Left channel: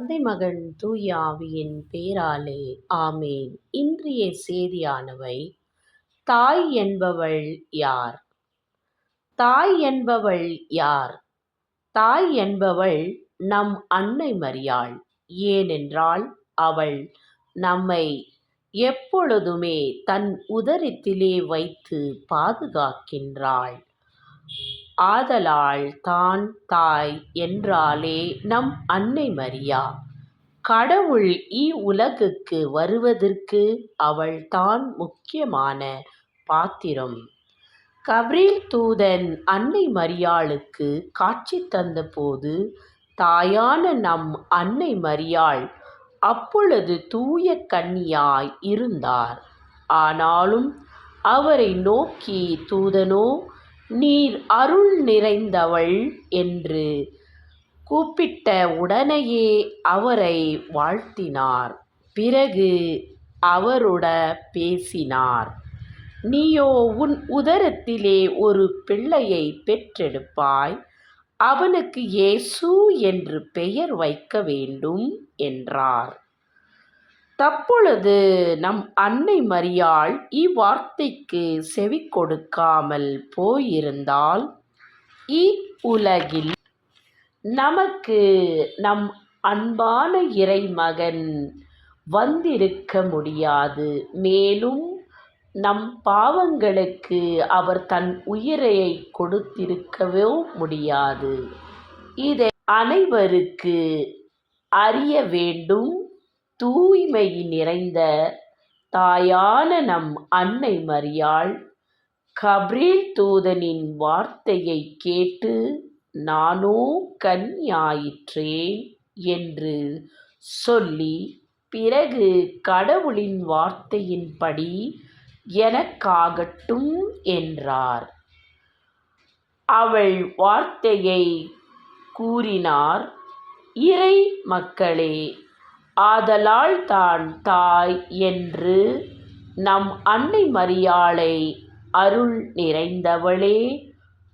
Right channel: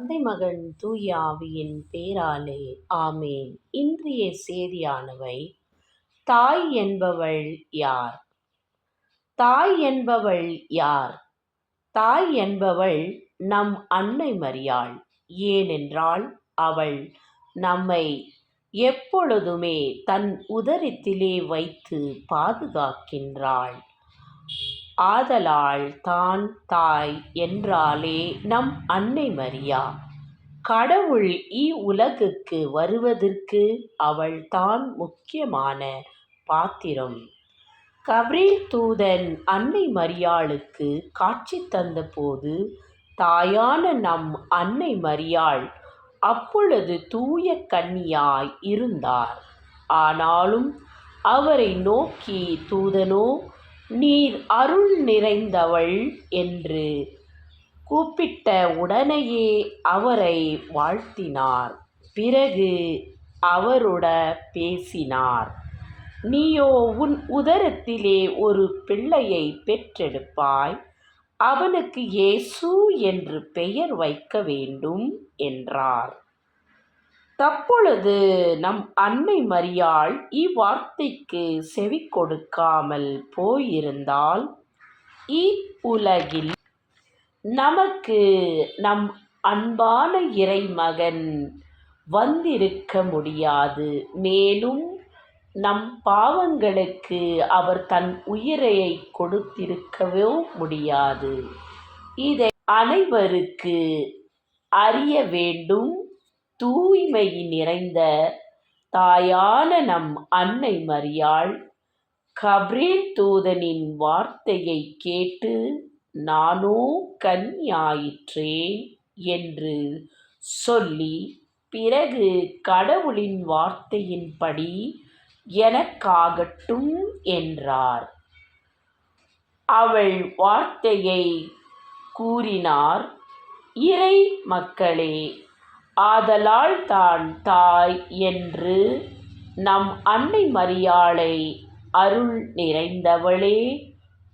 தந்தை மகன் தூய ஆவியின் பேராலே ஆமேன். இன்றைய செய்தியானவை, தாய் என்பவள் யார்? தாய் என்பவள் யார்? தாய் என்பவள் நம் அன்னை மரியாள். ஏனென்றால் அவள் நம்மை எப்பொழுதுமே தன் உதரத்திலே வைத்து பாதுகாக்கின்றாள். ஆதலால் தான் தாய் என்றாலே நம் அன்னை மரியா. கடவுள் இவ்வுலகுக்கு வருவதற்கு அவள் தான் முக்கியமான பாத்திரம். கப்ரியேல் தூதன் அன்னை மரியாளுக்கு காட்சி தந்தபோது தாயான நம் அன்னை மரியாள் அப்பொழுது தூய கன்னியாய் இருந்தார். ஆனாலும் அவரை நோக்கி தூதனோ, நீர் அருள் நிறைந்தவள் என்று கூப்பிட்ட உடனேயே அவரை வாழ்த்தினார். பிறகு அவருட பேசினார். நீயோ உன் உதரத்திலே ஒரு பிள்ளையை பெற்றெடுப்பாய், அவனுக்கு இயேசு என்று பெயர் வைக்க வேண்டும் என்றார். தப்பொழுது நம் அன்னை மரியாள் இவ்வார்த்தைக்கு செவி கொடுக்காமல் போயிருந்தால், இவ்வுலகில் நமக்கு நம் அன்பான இறைமகன் வந்திருக்க முடியாது. மேலும் நம் பாவங்களுக்கு அவர் தன் உயிரை கொடுத்திருக்கவோ முடியாது. இதை அனைவருக்கு அறிய வேண்டும். தூய்மை நிறைந்த தாயான நம் அன்னை மரியாள் கப்ரியேல் தூதனின் வார்த்தையை கேட்டு, நானோ கன்னியாயிற்றேன் என்று சொல்லி, பிறகு கடவுளின் வார்த்தையின்படி எனக்காகட்டும் என்றார். அவள் வார்த்தையை கூறினார். இறை மக்களே, ஆதலால் தான் தாய் என்று நம் அன்னை மரியாளை அருள் நிறைந்தவளே,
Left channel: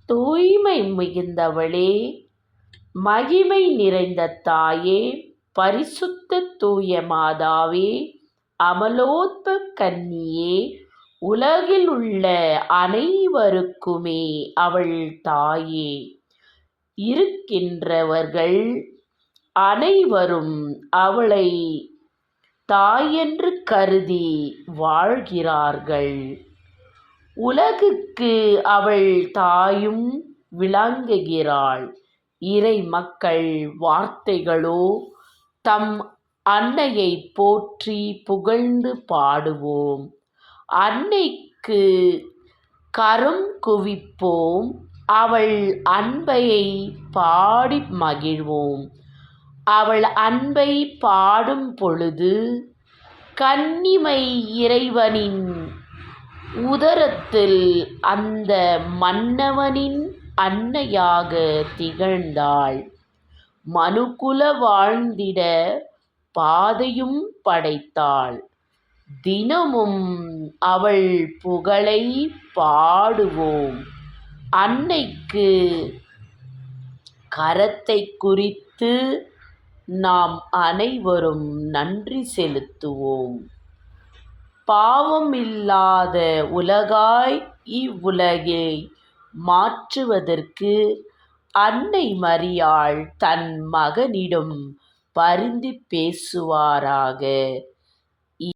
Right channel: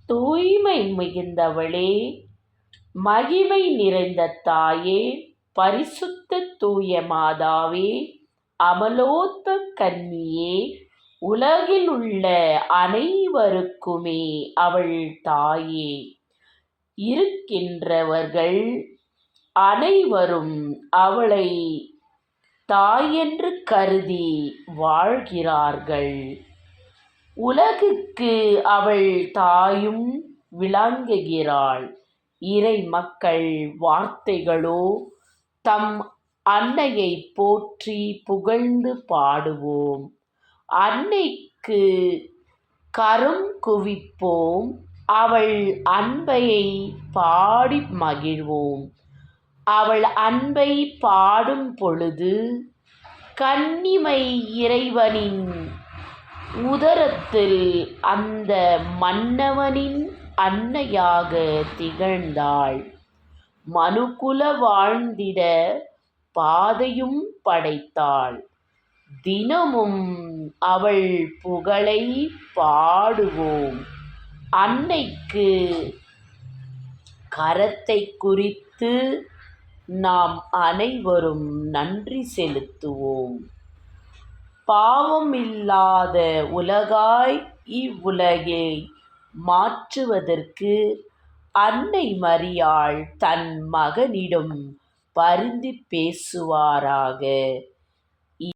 தூய்மை மிகுந்தவளே, மகிமை நிறைந்த தாயே, பரிசுத்த தூய மாதாவே, அமலோத்ப கன்னியே, உலகில் உள்ள அனைவருக்குமே அவள் தாயே. இருக்கின்றவர்கள் அனைவரும் அவளை தாயென்று கருதி வாழ்கிறார்கள். உலகுக்கு அவள் தாயும் விளங்குகிறாள். இறை மக்கள் வார்த்தைகளோ, தம் அன்னையை போற்றி புகழ்ந்து பாடுவோம். அன்னைக்கு கரம் குவிப்போம், அவள் அன்பையை பாடி மகிழ்வோம். அவள் அன்பை பாடும் பொழுது கன்னிமை இறைவனின் உதரத்தில் அந்த மன்னவனின் அன்னையாக திகழ்ந்தாள். மனுக்குல வாழ்ந்திட பாதையும் படைத்தாள். தினமும் அவள் புகழை பாடுவோம். அன்னைக்கு கரத்தை குறித்து நாம் அனைவரும் நன்றி செலுத்துவோம். பாவமில்லாத உலகாய் இவ்வுலகை மாற்றுவதற்கு அன்னை மரியாள் தன் மகனிடம் பரிந்து பேசுவாராக.